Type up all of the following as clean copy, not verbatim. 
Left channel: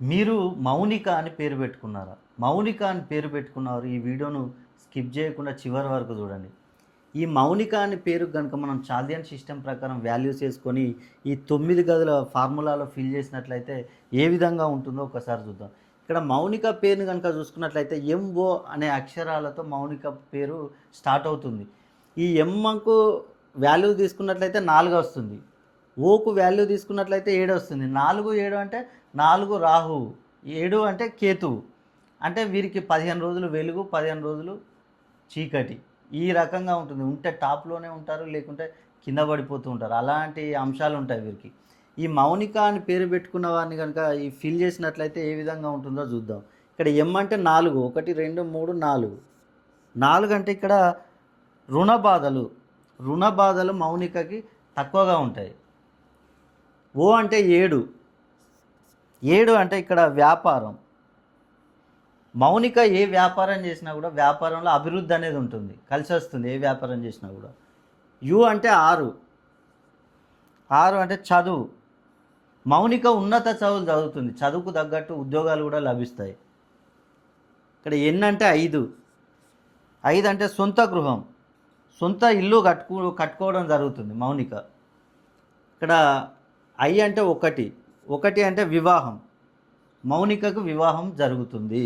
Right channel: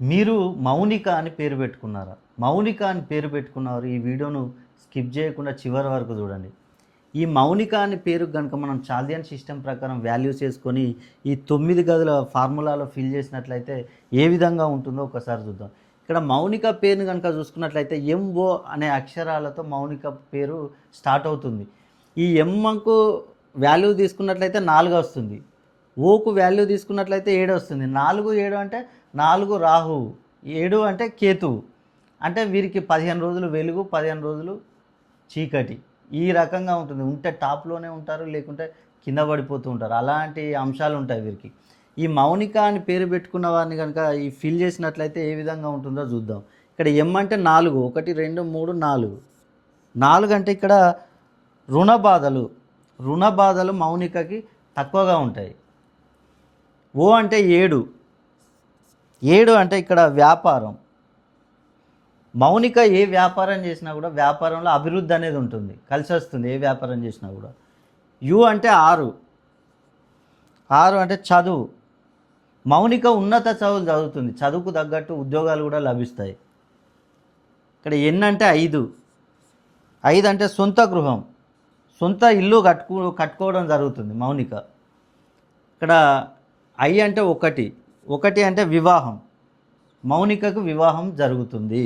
మీరు మౌనిక అని పేరు పెట్టుకున్నారా? మౌనిక అని పేరు పెట్టుకున్నారు. ఈ వీడియోను స్కిప్ చేయకుండా చివరి వరకు చూడండి. ఈ మౌనిక అని పేరు గనుక మనం చాల్దియన్ సిస్టమ్ ప్రకారం వాల్యూస్ చేసుకొని ఈ 9 గదుల ఫార్ములాలో ఫిల్ చేసినట్లయితే ఏ విధంగా ఉంటుందో ఒకసారి చూద్దాం. ఇక్కడ మౌనిక పేరుని గనుక చూసుకున్నట్లయితే ఎంఓ అనే అక్షరాలతో మౌనిక పేరు స్టార్ట్ అవుతుంది. ఈ ఎమ్‌కు వాల్యూ తీసుకున్నట్లయితే 4 వస్తుంది. ఓకు వాల్యూ తీసుకున్నట్లయితే 7 వస్తుంది. 4, 7 అంటే 4 రాహువు, 7 అంటే కేతువు. అంటే వీరికి 15 రోజులు వెలుగు, 15 రోజులు చీకటి. ఈ రకంగా ఉంటుంది. ఉంటే టాప్‌లోనే ఉంటారు, లేకుంటే కింద పడిపోతూ ఉంటారు. అలాంటి అంశాలు ఉంటాయి వీరికి. ఈ మౌనిక అని పేరు పెట్టుకున్న వారిని కనుక ఈ ఫిల్ చేసినట్లయితే ఏ విధంగా ఉంటుందో చూద్దాం. ఇక్కడ ఎం అంటే 4, 1, 2, 3, 4. 4 అంటే ఇక్కడ రుణ బాధలు. రుణ బాధలు మౌనికకి తక్కువగా ఉంటాయి. ఓ అంటే 7. 7 అంటే ఇక్కడ వ్యాపారం. మౌనిక ఏ వ్యాపారం చేసినా కూడా వ్యాపారంలో అభివృద్ధి అనేది ఉంటుంది, కలిసి వస్తుంది ఏ వ్యాపారం చేసినా కూడా. యు అంటే 6. 6 అంటే చదువు. మౌనిక ఉన్నత చదువులు చదువుతుంది, చదువుకు తగ్గట్టు ఉద్యోగాలు కూడా లభిస్తాయి. ఇక్కడ ఎన్ అంటే 5. 5 అంటే సొంత గృహం, సొంత ఇల్లు కట్టుకోవడం జరుగుతుంది మౌనిక. ఇక్కడ ఐ అంటే 1. 1 అంటే వివాహం. మౌనికకు వివాహం జరుగుతుంది.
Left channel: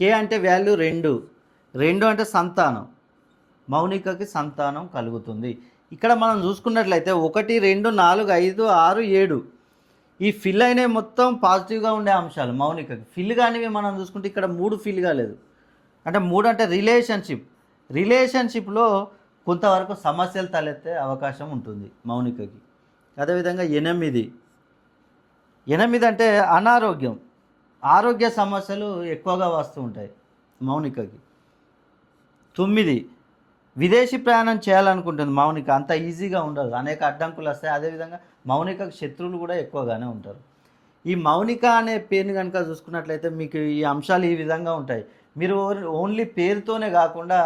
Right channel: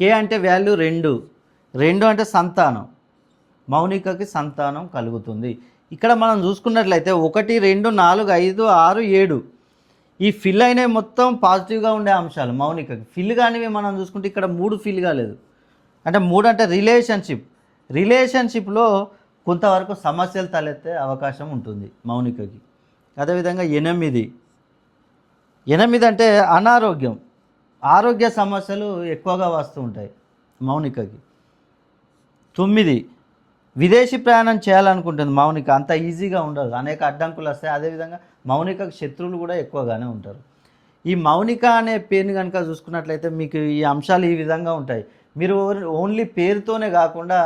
కే అంటే వాల్యూ 2. 2 అంటే సంతానం. మౌనికకి సంతానం కలుగుతుంది. ఇక్కడ మనం చూసుకున్నట్లయితే 1, 2, 4, 5, 6, 7 ఈ ఫిల్ అయినవి మొత్తం పాజిటివ్గా ఉండే అంశాలు మౌనికకి. ఫిల్ కానివి మనం చూసుకుంటే ఇక్కడ 3 ఫిల్ కాలేదు. అంటే 3 అంటే రిలేషన్షిప్లో కొంతవరకు సమస్యలు తలెత్తే అవకాశం ఉంటుంది మౌనికకి. అదేవిధంగా 8 అంటే అనారోగ్యం, ఆరోగ్య సమస్యలు ఎక్కువగా వస్తూ ఉంటాయి మౌనికకి. 9 విదేశీ ప్రయాణం చేయాలనుకుంటుంది మౌనిక. అంత ఈజీగా ఉండదు, అనేక అడ్డంకులు వస్తాయి. అదేవిధంగా మౌనికకు శత్రువులు కూడా ఎక్కువగానే ఉంటారు. ఈ మౌనిక అనే పేరుని కనుక చూసుకున్నట్లయితే మీకు ఈ అంశాలు ఈ విధంగా ఉంటాయి. మీరు ఓన్లీ పేరుతోనే కాకుండా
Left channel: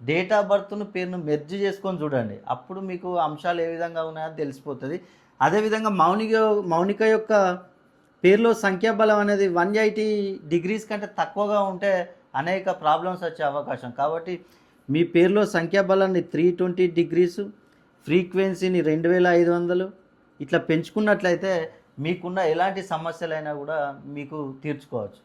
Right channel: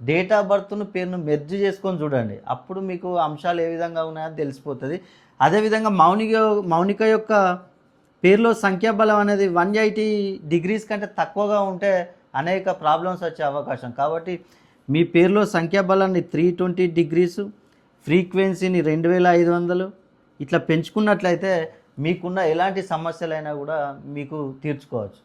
డేట్ ఆఫ్ బర్త్ను పేరును మెర్జ్ చేసుకొని చూడండి, అప్పుడు మీకు అంశాలు ఏ విధంగా ఉన్నాయో తెలిసిపోతుంది. అదేవిధంగా మౌనిక యొక్క పేరులో సంఖ్యాబలం అనేది 180 డిగ్రీస్ కంటే తక్కువగా ఉంటే అనేక ప్రాబ్లమ్స్ వచ్చే అవకాశం. కాబట్టి మీ పేరులో సంఖ్యాబలాన్ని 320 డిగ్రీస్, ఫ్రీక్వెన్సీని 2500 ఇట్లా పెంచుకున్నట్లయితే మీకున్న ఎలాంటి సమస్యలైనా కూడా మీకు తీర్చుకోవచ్చు.